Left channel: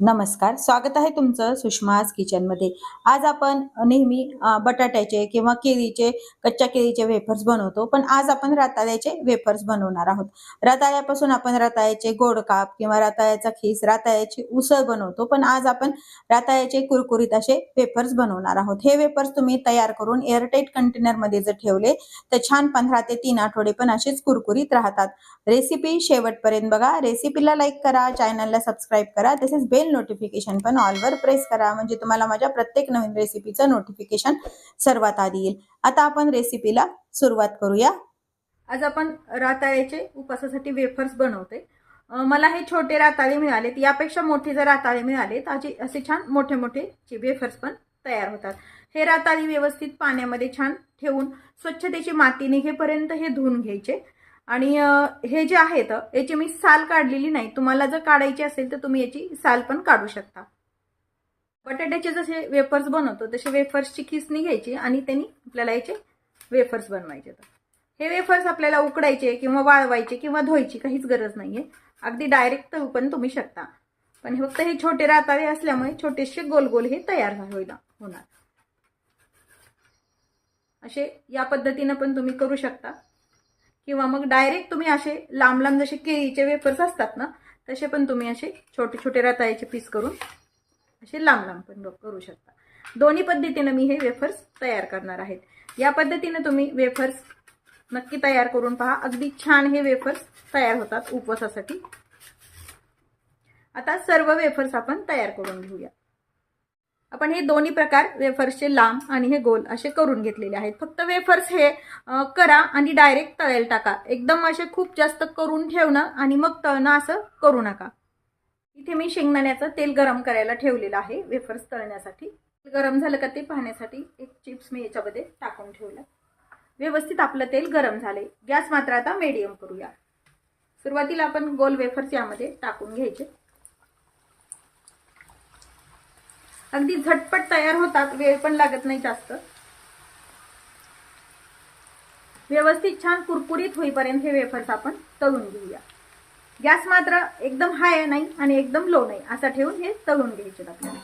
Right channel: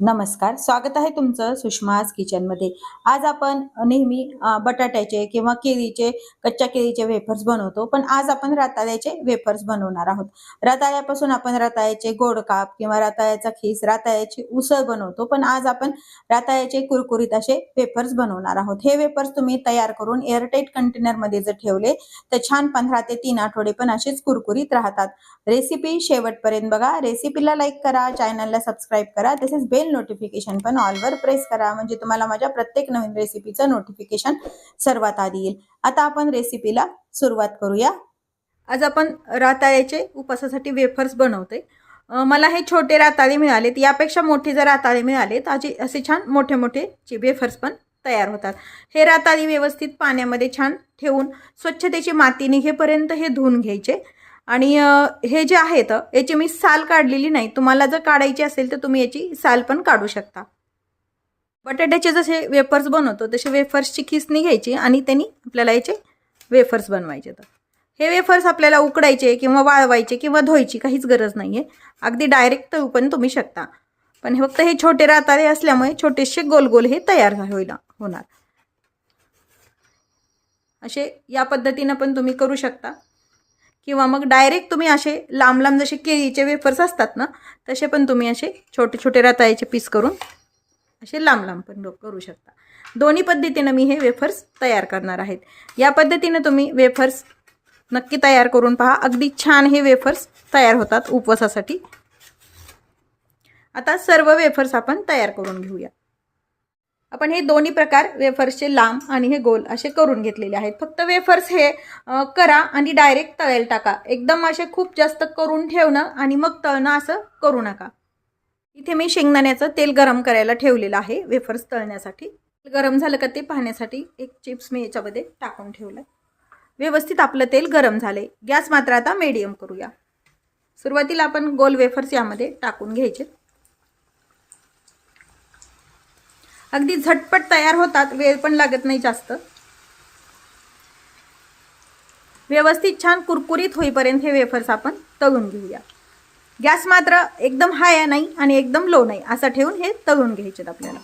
नमस्कार, स्वागत आहे तुमचं सुषमाज किचनमध्ये। आज आपण नेहमी बटाट्याचे किंवा केळीचे, कच्च्या केळीचे वेफर्स बनवतो, पण आज आपण रताळ्याचे वेफर्स बनवणार आहोत। रताळ्यापासून आपण रताळ्याचे गोड काप किंवा रताळ्याचा खीस, रताळ्याची उसळ बनवतो, पण आज आपण रताळ्याचे कुरकुरीत असे वेफर्स बनवणार आहोत। हे वेफर्स तुम्ही तयार करून एअरटाइट कंटेनर मध्ये जर ठेवले तर छान 15 ते 3 आठवडे पण असेच कुरकुरीत राहतात। रेसिपी शेवटपर्यंत बघा। रेसिपीला लाईक करा, चॅनलला सबस्क्राईब करा, तसेच बेल नोटिफिकेशन पण ऑल वर प्रेस करा, म्हणजे तुम्हाला माझ्या प्रत्येक नवीन रेसिपीचं नोटिफिकेशन सर्वात आधी येईल। आता आपण रेसिपीला सुरुवात करूया। आज आपण रताळ्याचे उपासासाठी वेफर्स बनवते। मला हे छोटे रताळे मिळालेत, यापेक्षा मोठे जर रताळे मिळाले तर असे छान मोठे मोठे वेफर्स पण तयार होतात। हे रताळे व्यवस्थित पाण्यामध्ये छान ठेवून स्वच्छतेची माती निघेपर्यंत हे धुवून घ्यायचे। आणि हे जे आहेत याची मी साल काढलेली नाही, तुम्हाला जर काढायची असेल तर तुम्ही याची साल पण काढू शकता। बटाट्याचे जसे वेफर्स बनवतो तसे वेफर्सची खिसणी घ्यायची आणि त्यांनी आपल्याला याचे वेफर्स बनवायचे। तर हे वेफर्स आपल्याला उकडायचे किंवा वाळवायचे किंवा धुवायची काहीच गरज नाहीये, अगदी डायरेक्ट तळू पण तुम्ही शकता। पण फक्त हे छोटे रताळे असल्यामुळे छोटेसे गोल गोल हे तयार होणार। असे या पद्धतीने पण तुम्ही करू शकता, किंवा मग डायरेक्ट तुम्ही असे लांब लांब जसे केळीचे वेफर्स असतात ना, तसे पण तुम्ही असे छोटे छोटे रताळ्याचे पीस करून असे लांब लांब पण करू शकता। दोन्ही पद्धतीने मी हे वेफर्स तयार करणार आहेत। या पद्धतीने तुम्ही वेफर्स नक्की तयार करून पहा, अगदी छान हे वेफर्स तयार होतात उपवासासाठी। आता सर्व वेफर्स आपण तयार करून घेऊया। आपण हे दोन्ही प्रकार वेफर्सचे लांब आणि हे गोल असे करून घेतलेले आहेत। फक्त वेफर्स हे करा आणि डायरेक्ट तळेल टाका, एकदम असे खूप जास्त करून ठेवणं आणि मग तळणं असं करू नका। इथे मी शेंगदाण्याचं तेल गरम करायला ठेवलेलं आहे वेफर्स तळण्यासाठी। गरम झालं का ते पाहण्यासाठी एक चिप्स मी याच्यामध्ये टाकून ठेवलं। व्यवस्थित आपलं तेल गरम झाले, गॅस मात्र आता मीडियम करूया। सुरुवातीला आपण गोल वेफर्स यामध्ये टाकून घ्यायचे। अगदी झटपट तयार होतात, वेळ पण लागत नाही जास्त। व्यवस्थित छान कुरकुरीत होईपर्यंत हे वेफर्स आपण तळून घेऊया। गॅस मात्र एकदम हाय नाही आणि एकदम लो नाही असं ठेवून हे तळून घ्यायचे आपल्याला।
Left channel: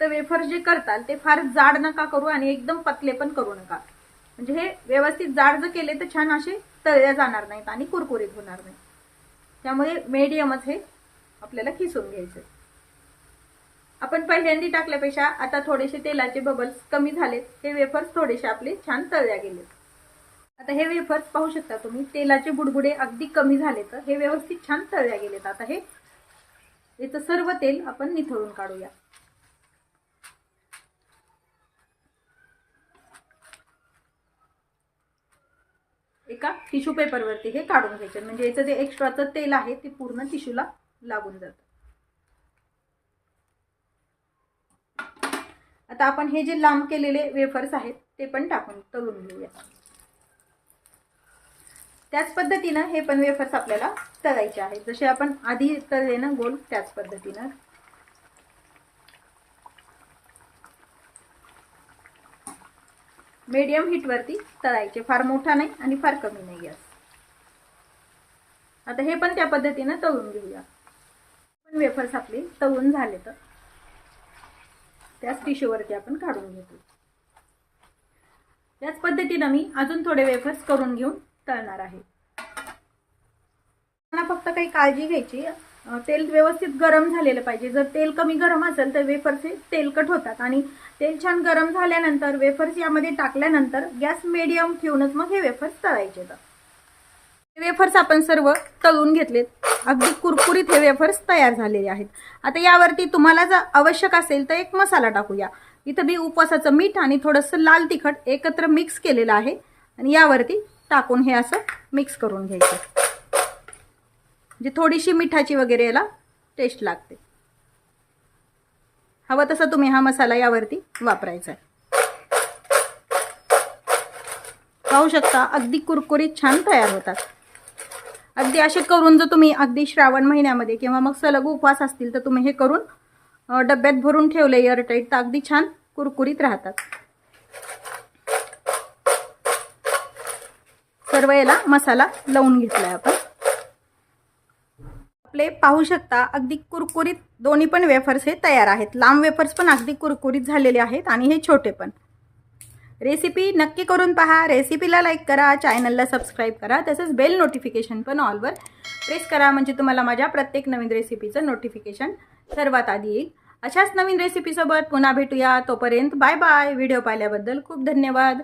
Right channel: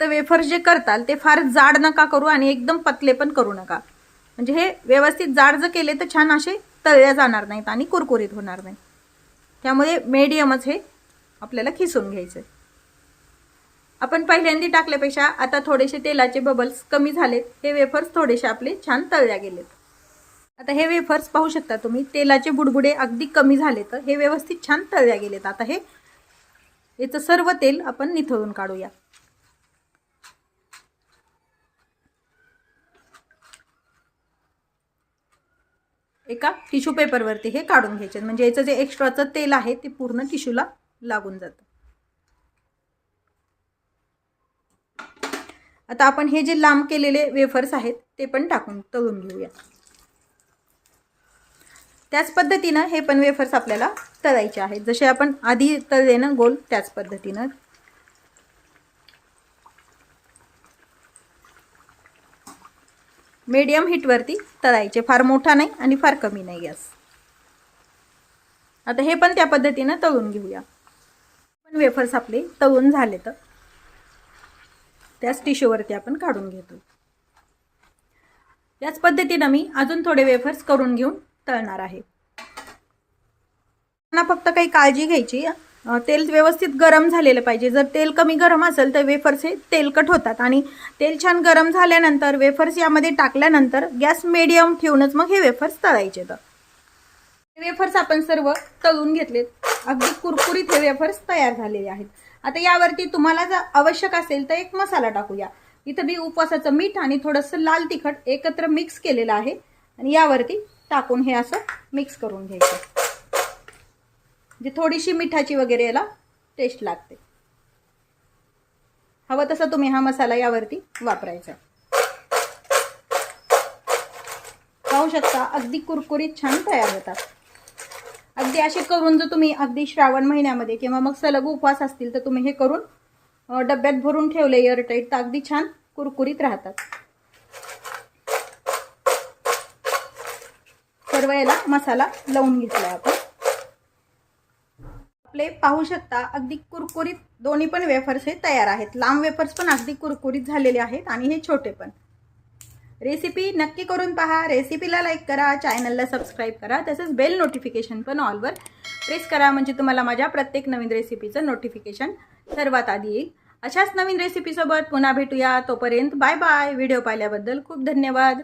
तर वेफर्स जे करताल ते फार जाड नका करू आणि एकदम पतले पण करू नका, म्हणजे हे व्यवस्थित जाड जर केले तर छान असे तळले जाणार नाहीत आणि कुरकुरीत होणार नाही। त्यामुळे मीडियमच हे आपल्याला खिसून घ्यायचे। आपण पहिल्यांदा टाकल्यापेक्षा आता थोडेसे तेलाचे बबल्स कमी झालेत, हे वेफर्स थोडेसे आपले छान तळल्या गेलेत। आता हे वेफर्स पाहू शकता तुम्ही, तेलाचे बुडबुडे अगदी कमी झाले, तर हे व्यवस्थित छान तळल्या गेलेत। आता हे याचं सर्व तेल आपण निथळून काढूया। एका टिश्यू पेपरवरती हे काढून घ्यायचे, म्हणजे याचं जे एक्स्ट्राचं तेल आहे ते पूर्ण टिश्यूला लागून जातं। आता आपण हे जे लांब केलेले वेफर्स आहेत ते पण टाकून तळून घेऊया। त्याच पद्धतीने हे पण वेफर्स आपल्याला तळायचे आहेत, जसे आपण आधी तळले ना गोल, त्याच पद्धतीने। मीडियम हीट वरती तळायचे, फार मोठा नाही आणि फार कमी नाही गॅस। आता हे पण त्या पद्धतीने तळून घेऊया। पण वेफर्स आपले तळून झाले तर त्याच टिश्यू वरती आपण काढून घेतो। याच पद्धतीने मी अजून थोडे वेफर्स करून घेऊन तळणार आहे। फक्त काही काळजी घ्यायची, तेल व्यवस्थित गरम झालेलं पाहिजे। जर तेल कमी गरम असेल तर वेफर्स हे तेलकट होतात, आणि तेल छान गरम झाल्यानंतर वेफर्स यामध्ये टाकल्यानंतर गॅस मीडियम ठेवूनच मग हे वेफर्स तळायचे। तर वेफर्स आपण सर्व तळून घेतलेत, अगदी कुरकुरीत हे वेफर्स तयार झालेले आहेत। आता यावरती तुम्हाला जर आवश्यक असेल तर एक मसाला टाकूया। इथे मी उपवासाचं मीठ आणि थोडंसं लाल तिखट एकत्र मिक्स केलेलं आहे, आणि यावरती टाकून हे असं मिक्स करून घ्यायचं, म्हणजे थोडीशी मिठाची वगैरे याला टेस्ट लागते। हवं तसं तुम्ही हा मसाला यावरती वापरायचा। पाहू शकता अगदी कुरकुरीत छान तयार होतात। अगदी असे करून जर तुम्ही अगदी श्रावण महिन्यामध्ये किंवा मग सलग उपवास असतील तर तुम्ही हे करून डब्यात भरून ठेवले एअरटाईट, तर अगदी छान कुरकुरीत राहतात। सर्व याला मसाला लावून घेतलाय आपण आपले पाहू शकता अगदी कुरकुरीत दोन्ही पण वेफर्स हे तयार आहेत। लांब वेफर्स पण अगदी कुरकुरीत झालेले आहेत आणि हे छोटे पण। रेसिपी नक्की करून पहा। रेसिपीला लाईक करा, चॅनलला सबस्क्राईब करा, तसंच बेल नोटिफिकेशन पण ऑलवर प्रेस करा, म्हणजे तुम्हाला माझ्या प्रत्येक नवीन रेसिपीचं नोटिफिकेशन सर्वात आधी येईल। अशाच नवीन रेसिपीसोबत पुन्हा भेटूया। तोपर्यंत बाय बाय। व्हिडिओ पाहिल्याबद्दल खूप धन्यवाद।